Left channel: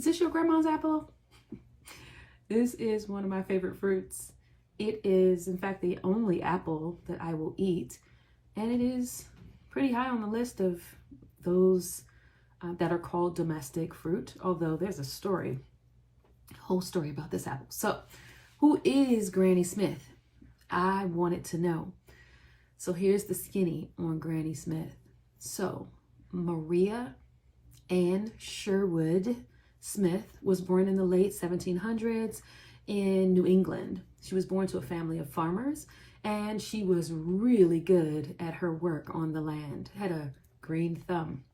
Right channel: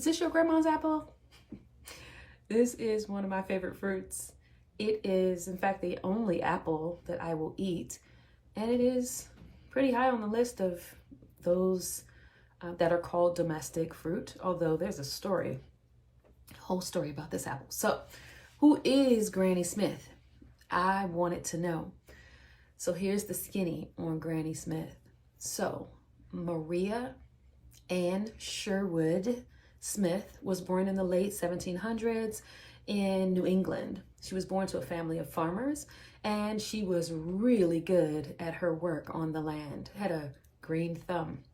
Is this your grandma's apple? This is one of my favorite fruits. It is, in fact, the only apple that I will eat, and it is pretty high on the list of those that are called domestic fruit, although there's a whole story about this apple. So, who is Granny Smith? I wanted to know. So here's the skinny on Granny Smith. So, Maria Ann Sherwood Smith was born in the late 1700s in New England. She was born to a family of farmers, and she was really good at her work on the land, had a green thumb.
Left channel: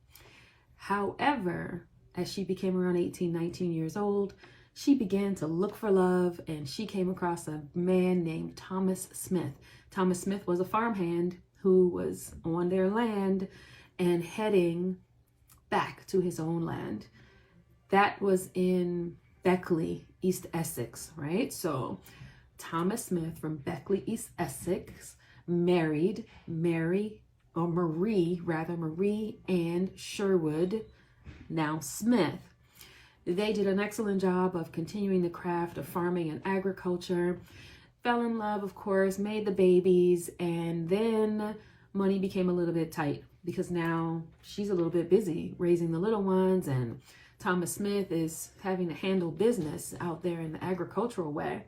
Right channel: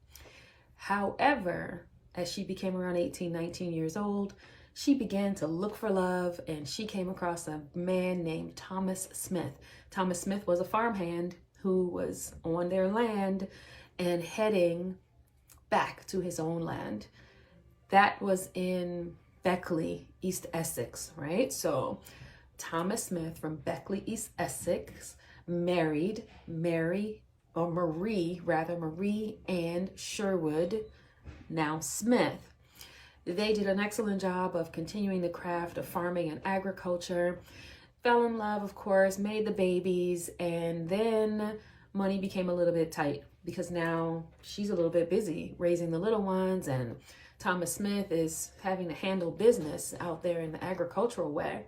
However, as she became around 18, 19 years old, she began to look for love, and she came across a man named Thomas Smith. Thomas Smith was a farmhand who was on their land and heading back to his own land. That was in Beckley, East Essex, right? So Thomas Smith from Beckley, East Essex, married Marie Ann Sherwood, now Smith. They did an excellent job of continuing the craft of farming and agriculture, fell in love, of course, made the babies, and then money became a little bit tight because now she's a little bit busy raising the little ones, and Thomas Smith is having to handle business out there in the agricultural way.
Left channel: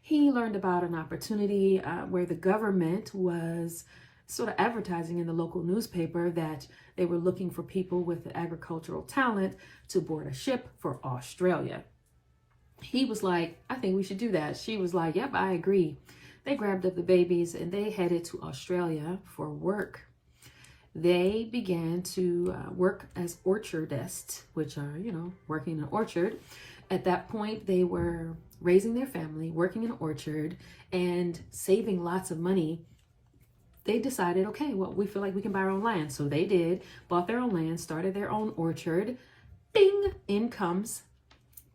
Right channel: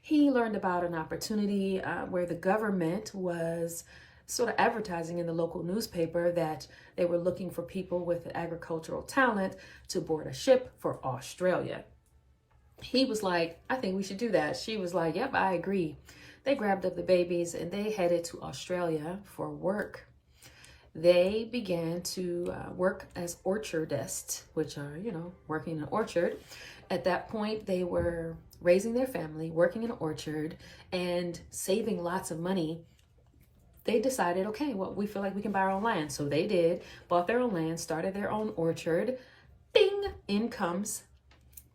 He learned about an opportunity where the government was sort of advertising in the local newspaper that they were looking for people with agricultural talent to board a ship for Australia. He was like, I think we should do that. She was like, yep, I agree. They grabbed up the babies and they headed to Australia for work. They began to work as orchardists, which are, working in an orchard. At that point, they were raising their family, working in an orchard, and saving lots of money. They decided, okay, well, we feel like we can buy our own land. So they did, bought their own land, started their own orchard. Bing, in comes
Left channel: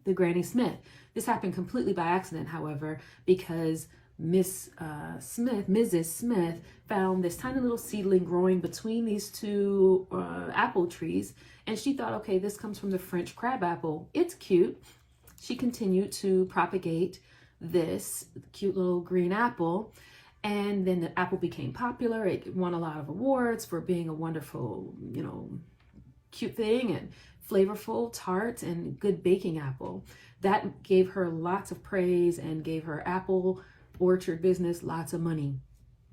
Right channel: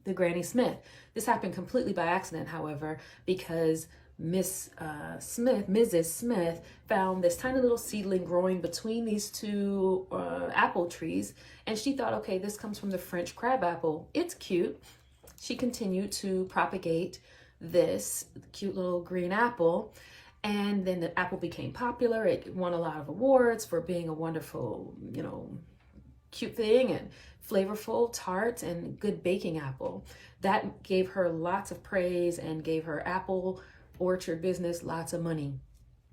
the Granny Smith. This happened completely by accident, however, because Mrs. Smith found this tiny little seedling growing between these two apple trees. And she thought, okay, this comes from the French crab apple. It's cute. She continued to propagate this cute little green apple. And then the apple became popular. It won a lot of awards for being a wonderful, cute thing and flavorful, tart, and good baking apple. That gave her lots of praise and gave her apple orchard business lots of money.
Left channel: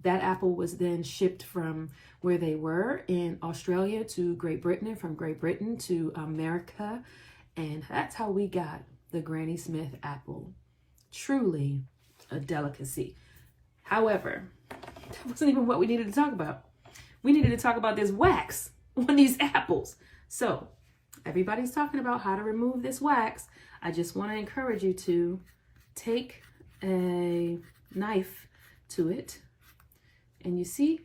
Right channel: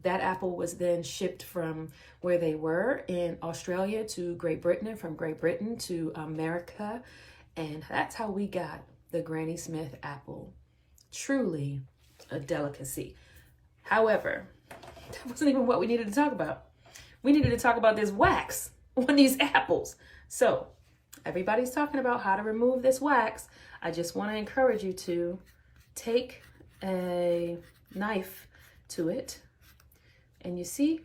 That apple was then shipped from where they were in Australia to Great Britain, and from Great Britain to America. And that's how we got the Granny Smith apple. Truly a delicacy. However, that wasn't even what we needed to talk about. We needed to talk about this wax on these apples. So everybody's talking about how to remove this wax. I just want to encourage you to take a knife to it. And you see,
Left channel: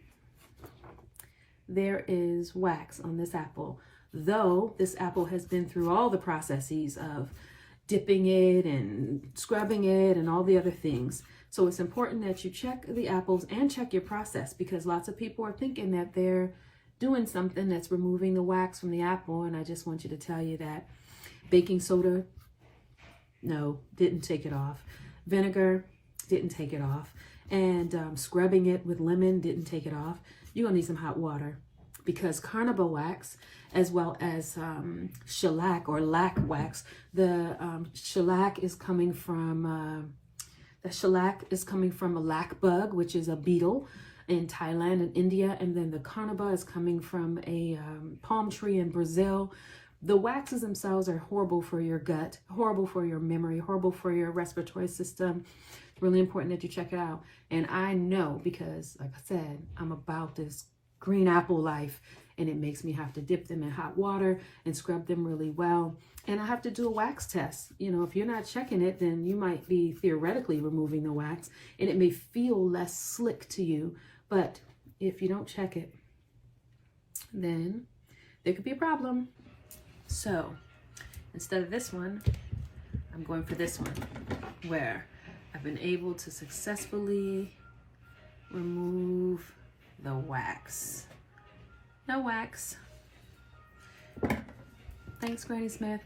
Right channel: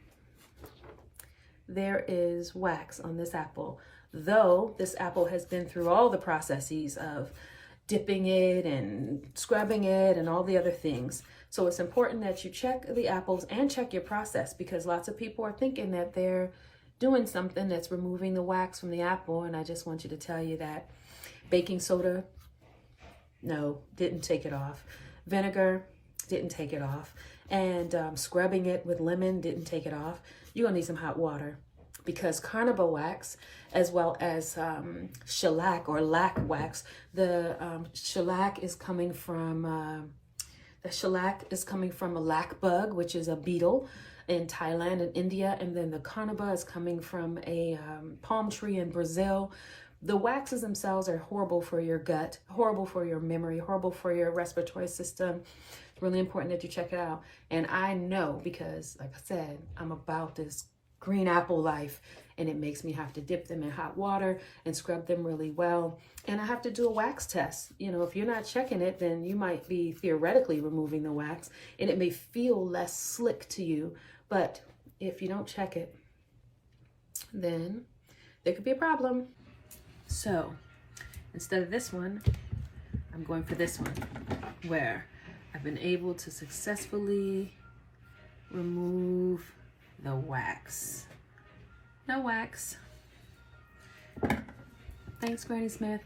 there is wax on this apple. Though this apple has been through all the processes of dipping it and scrubbing it and all the other things. So it's important that you check the apples and check your process, because lots of people are thinking that they're doing something that's removing the wax from the apple. And I just want you to tell you that baking soda, no, didn't take it off. Vinegar, didn't take it off. And scrubbing it with lemon didn't take it off. You're gonna need some hot water, because carnauba wax, as well as shellac or lac wax, the shellac is coming from a lac bug, which is a beetle in Thailand and India, and then the carnauba is coming from a palm tree in Brazil. The waxes themselves are horrible for your gut, horrible for your memory, horrible for your respiratory system. It's really important that you check it out. And I know, because like I said, I'm about this green apple life, and it makes me have to dip them in hot water and scrub them really well. And I have to do a wax test. If you're not checking it, then you might be theoretically removing the wax, and it may feel less slick to you. But if you don't check it, then there could be a problem. So instead of this one, I'm going for this one, where I've been able to successfully remove the wax. No wax. Thanks, Granny Smith.